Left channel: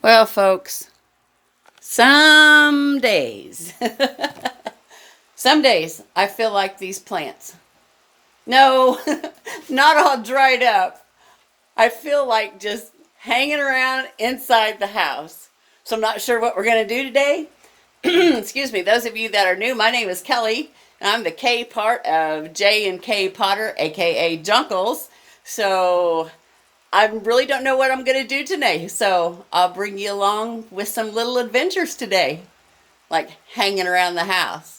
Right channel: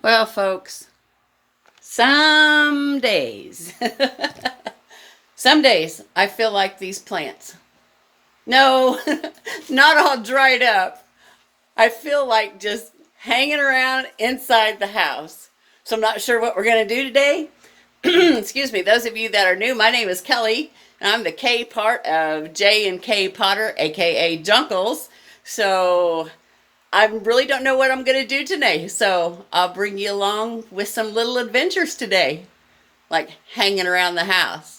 Well, folks, some days, some days I feel like these plants. No, not all dried up. I feel like just hanging around inside the house. So I'm not sure what we're going to do today. Excuse me, those of you that are new, my name is Kelly, and I'm the K part of J&KPotter, aka Junkles. So I really don't know what I'm going to do today, so I'll bring you along with some little adventures today, like hanging around the house.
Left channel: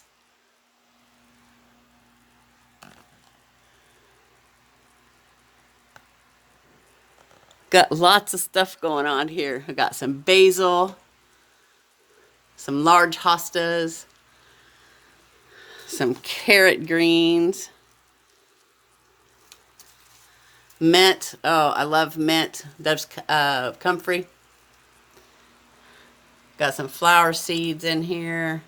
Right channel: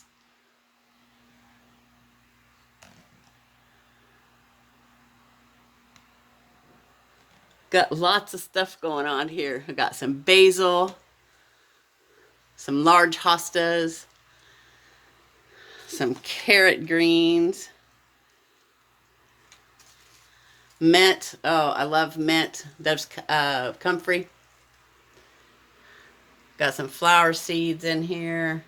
Got lots of stuff going on here. I got some basil, some large hostas, some carrot greens, mint. Oh, I love mint. There's comfrey. Got some flower seeds in here.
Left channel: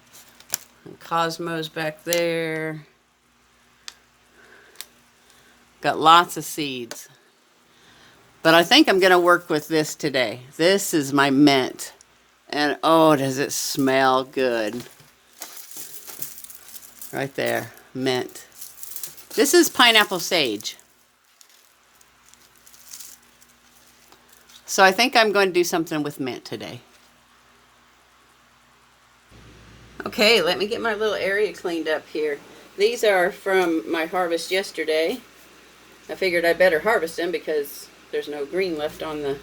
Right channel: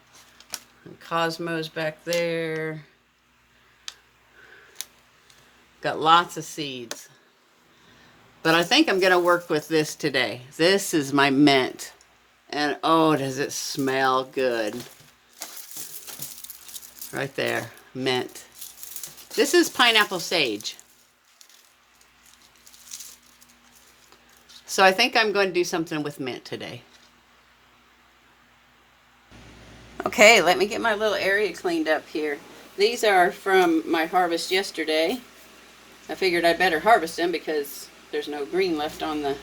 And cosmos back there. Got lots of seeds. But I think I'm going to work with this today. This is my mint. And oh, does it smell good. Right there, mint. This is pineapple sage. So I think I'm going to do something with mint today. Okay, let me get my little area cleaned up here. These are from my harvest yesterday. I figured I'd better harvest them because there's no green left on the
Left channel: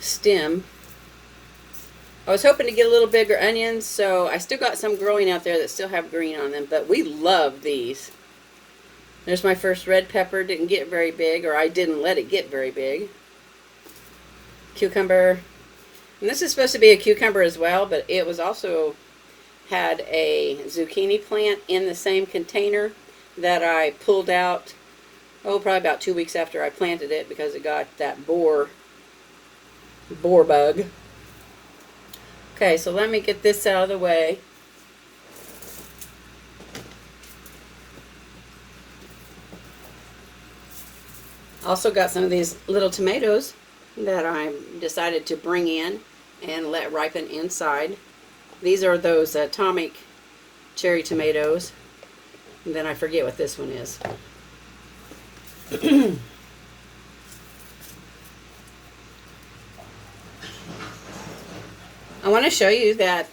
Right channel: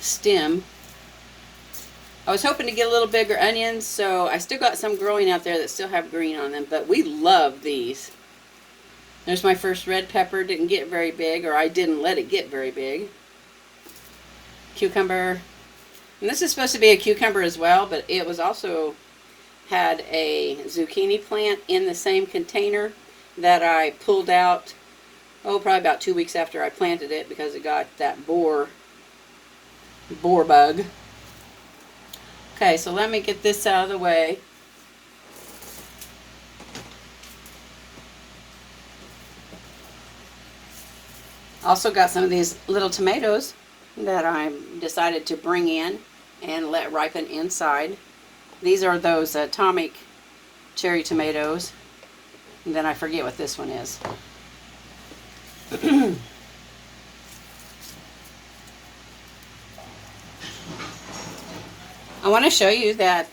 stem. I was hoping to get a little bigger onions, so I still got some growing out there that still have green on them, but we love these. There's my first red pepper. Didn't get very big, or I didn't let it get very big. Cucumber. And this is supposed to be a cucumber as well, but it was also had a zucchini plant in the same container that I pulled out, probably about 2 weeks after I planted it because it got that boar bug. Okay, so let me get this out of the way. Also got some of these little tomatoes that I decided to bring in and let ripen inside. These are those atomic cherry tomatoes. And then I forget what this one is. I want to show you that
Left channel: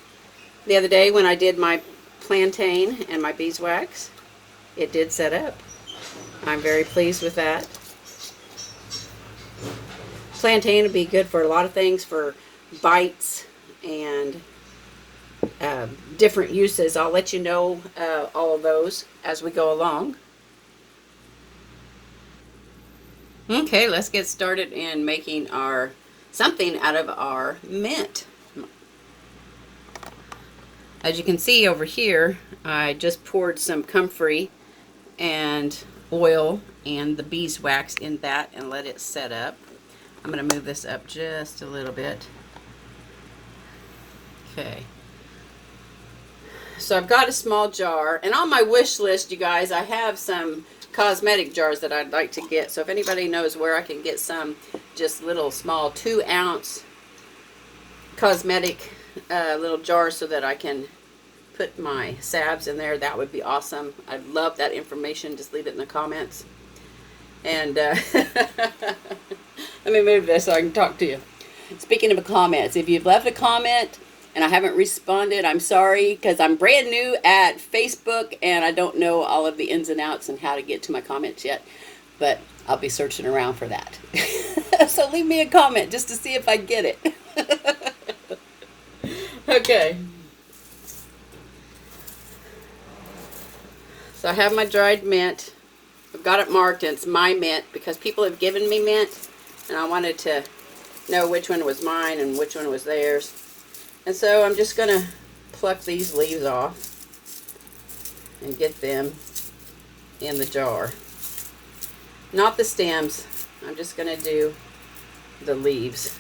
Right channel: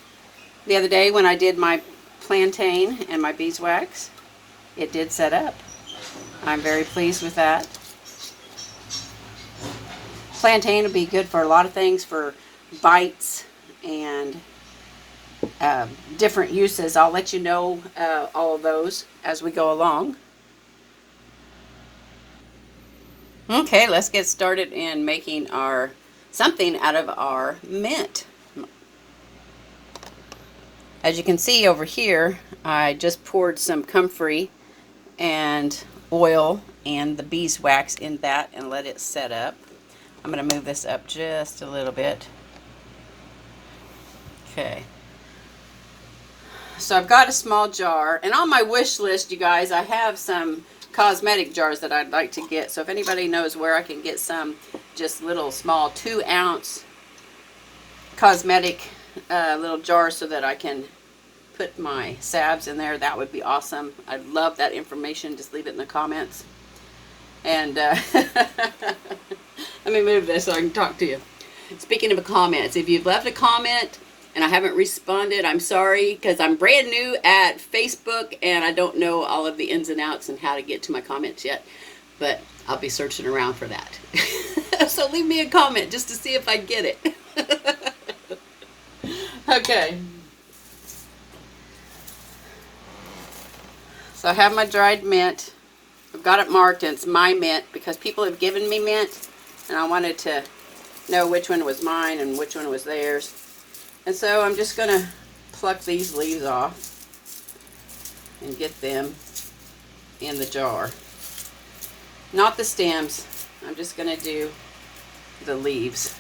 the other day when I did my plantain and my beeswax, it did set up. I'm very pleased with that. Plantain would be good for a lot of things, for bites and different uses. I'll let you know all of those as we go along. Okay, let's get started in making something out of our mint. As you can see over here, I just poured some comfrey and oil and the beeswax in that and let it set up. I'm going to move this up just a little bit. Okay. So I've got a small jar, and on my wish list, you guys, I have some cosmetic jars that I'd like to get. So if anybody knows where I can get some just little small 2-ounce cosmetic little jars so that I can put my salves in there, that would be awesome. I'd love that information. Just leave it in the comments. And let me move this so I can talk to you. Speaking of comments, if you've left a comment and I haven't responded, I'm sorry, because I'm brand new at Facebook and I don't know all of the ins and outs and how to get to my comments yet, but I'll be searching around for that. So leave me a comment just to see if I get it. Okay. So I have my dried mint. I've got it marked, and it's my mint because people have given me mint, and I wanted to know which one was mine and which one was theirs. And so I'm just going to pluck these leaves off and get them in the jar. Not the stems. I'm just going to do the leaves.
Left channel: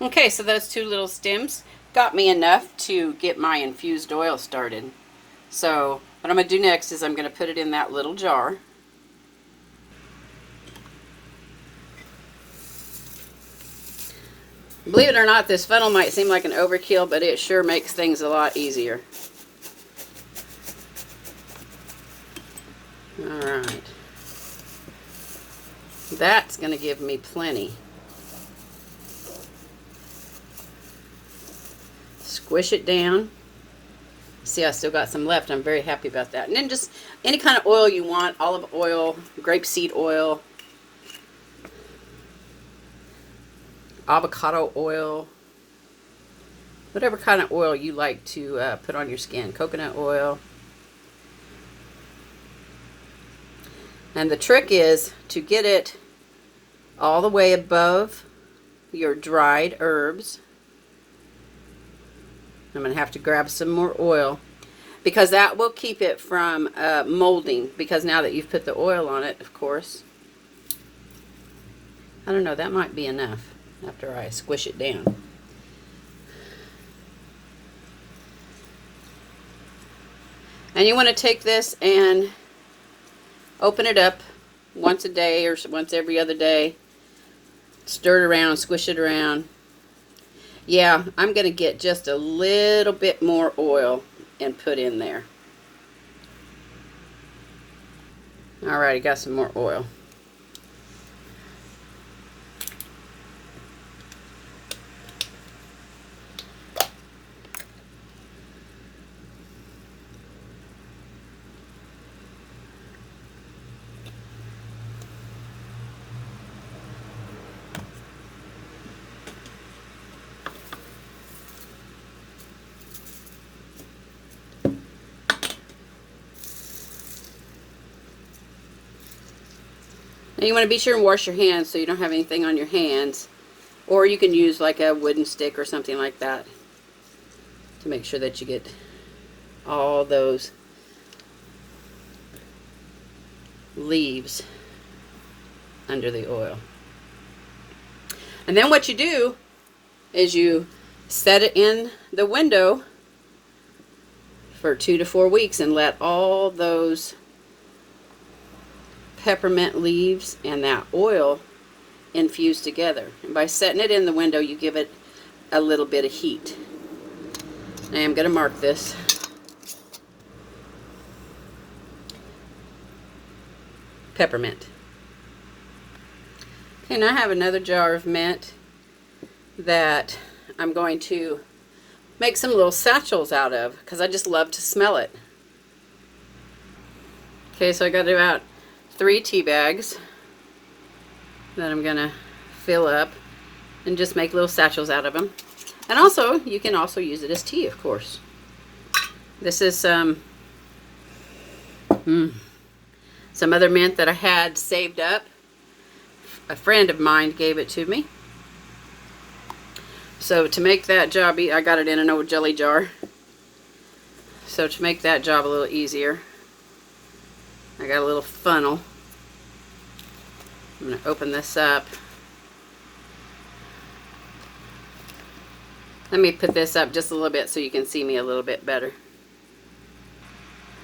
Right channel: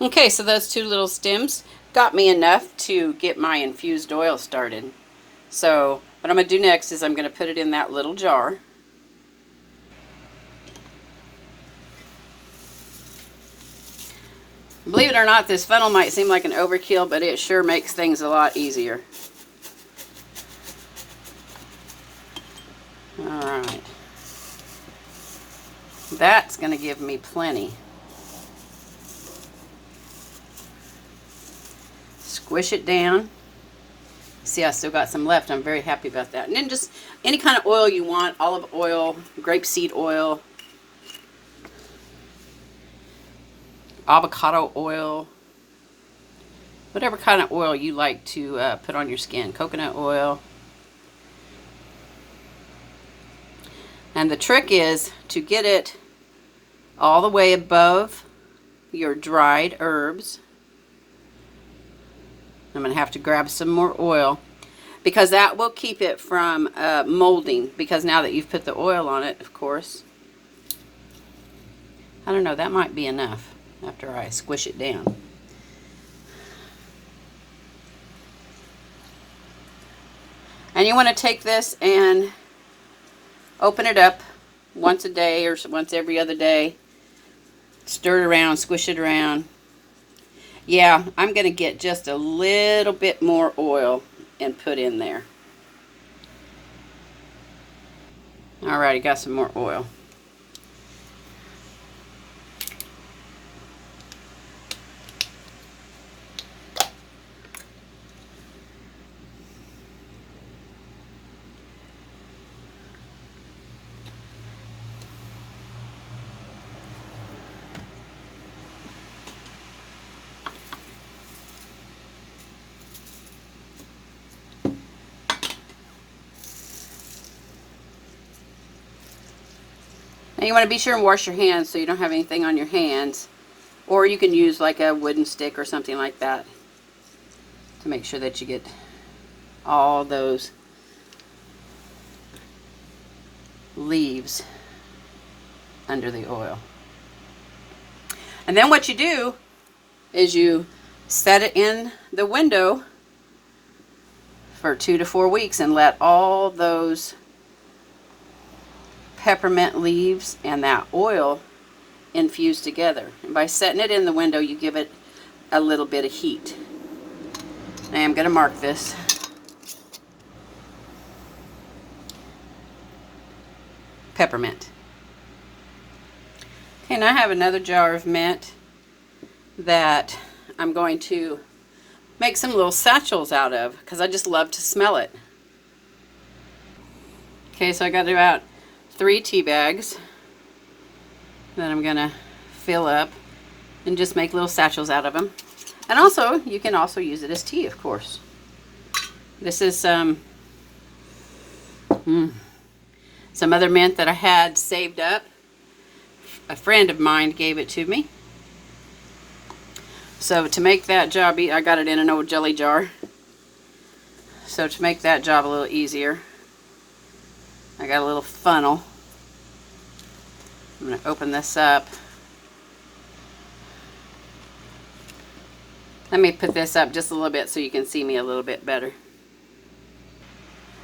Okay, so those two little stems got me enough to get my infused oil started. So what I'm going to do next is I'm going to put it in that little jar. Believe it or not, this funnel might seem like an overkill, but it sure makes things a lot easier. Alright. That's going to give me plenty. Squish it down. See, I still got some left. I'm very happy about that. And then just any kind of oil you want, olive oil, grapeseed oil, avocado oil, whatever kind of oil you like to put on your skin, coconut oil. And the trick is to get it all the way above your dried herbs. I'm going to have to grab some more oil because that will keep it from molding, because now that you've put the oil on it, of course. I don't know, that might be enough after I squish it down. And you want to take this and open it up once a day or once every other day. Stir it around, squish it around. Yeah, I'm going to get just a little bit more oil and put in there. Alright, got some more oil. And you want to be sure and wash your hands so you don't have anything on your hands. Or you can use like a wooden stick or something like that to make sure that you get all those leaves under the oil. And then what you do is you set it in the window for 2 to 4 weeks and let all those peppermint leaves and that oil infuse together. And by setting it in the window, you give it a little bit of heat. I am going to mark this. Peppermint. Okay, now I have another jar of mint that I'm going to make some little satchels out of because I just love to smell it. Okay, so I got about 3 tea bags that I'm going to fill up and just make little satchels out of them. And also, you can also use it as tea, of course. This is some other mint that I had saved up. A friend of mine gave it to me. So to make that job, I got it in an old jelly jar. So to make that job a little easier, I got a little funnel. I'm going to open this up. Let me put this up just a little bit so you can see me a little bit better.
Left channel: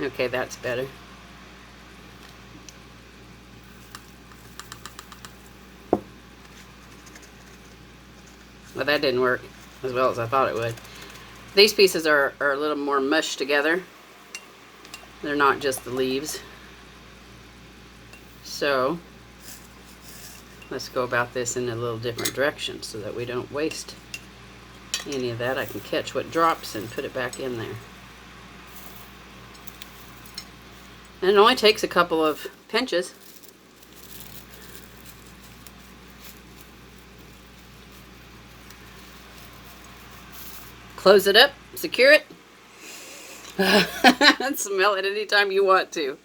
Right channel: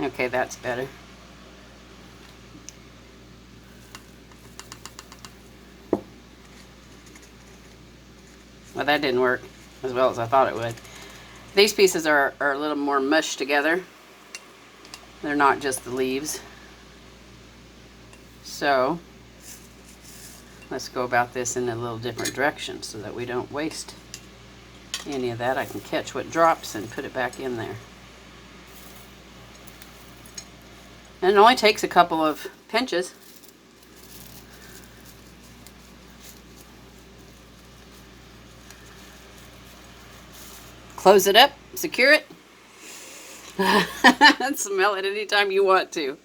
Okay, that's better. Well, that didn't work as well as I thought it would. These pieces are a little more mushed together. They're not just the leaves. So let's go about this in a little different direction so that we don't waste any of that. I can catch what drops and put it back in there. And it only takes a couple of pinches. Close it up, secure it, and smell it anytime you want to.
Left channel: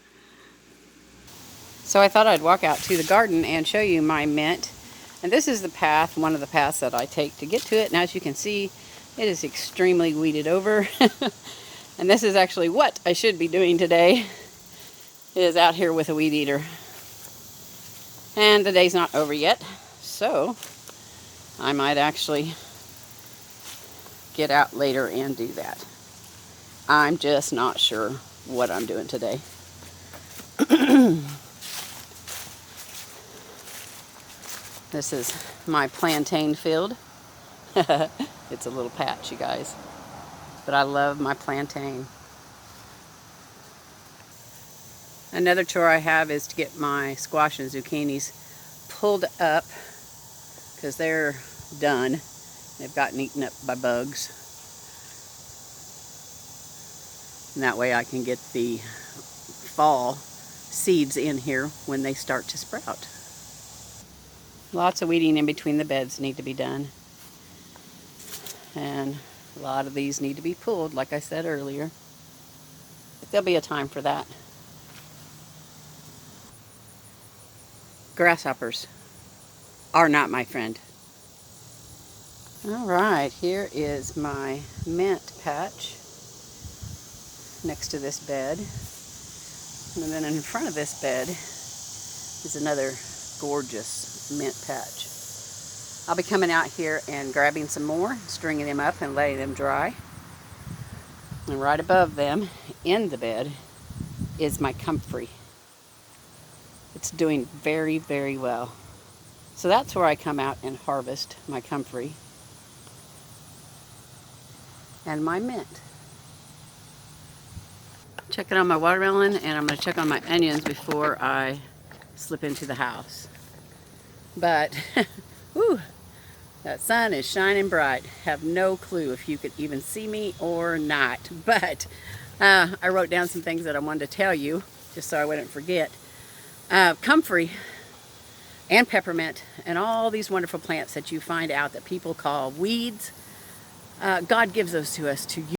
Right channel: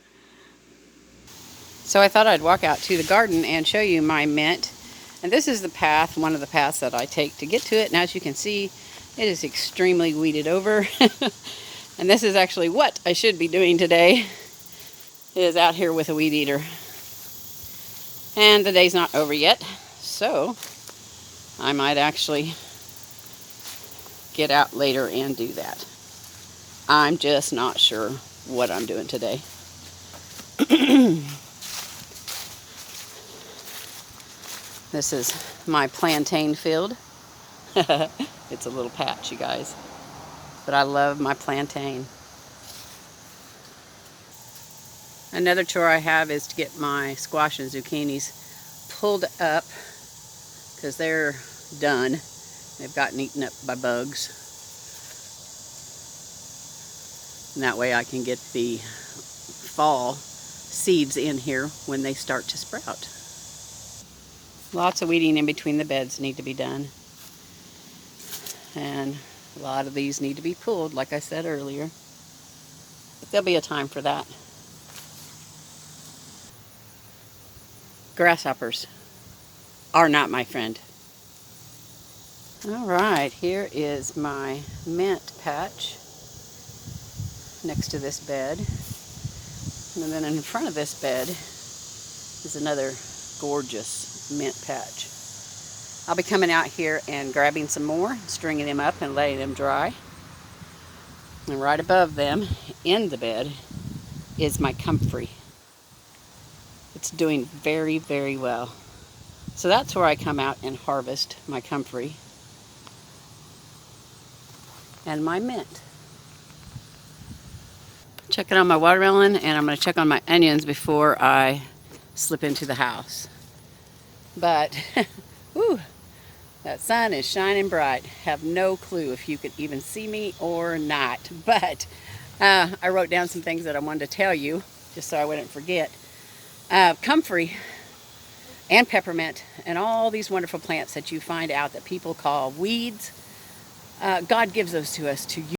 So I thought I'd walk out to the garden and show you my mint. And this is the path, one of the paths that I take to get to it. And as you can see, it is extremely weeded over. And this is actually what I should be doing today, is out here with a weed eater. And the day's not over yet, so I might actually get out later and do that. I'm just not sure what I'm doing today. This is my plantain field. It's a little patch, you guys. But I love my plantain. Another chore I have is to get my squash and zucchinis pulled up because they're done. They've gotten eaten up by bugs. And that way I can get the fall seeds in here when they start to sprout. Lots of weeding in between the beds need to be done. And a lot of these need to be pulled, like I said earlier. But there'll be a time for that. Grasshoppers are not my friend. All right, here is my mint patch next to this bed. And then in front of this bed is another gorgeous mint patch. I'll be coming out here and grabbing some more, stringing them up and letting them dry. And right above them, in the bed, is my comfrey. It's doing very, very well. So that's where I come out and harvest my comfrey and my mint. Checking on my watermelon, and I'm going to check on my onions before I slip into the house. But, whew, that sun is shining bright. Have no clue if you could even see me or not. But I wrote down some things that I wanted to tell you, just so I wouldn't forget. Comfrey and peppermint and all these wonderful plants that you find out that people call weeds, God gives those to us to use.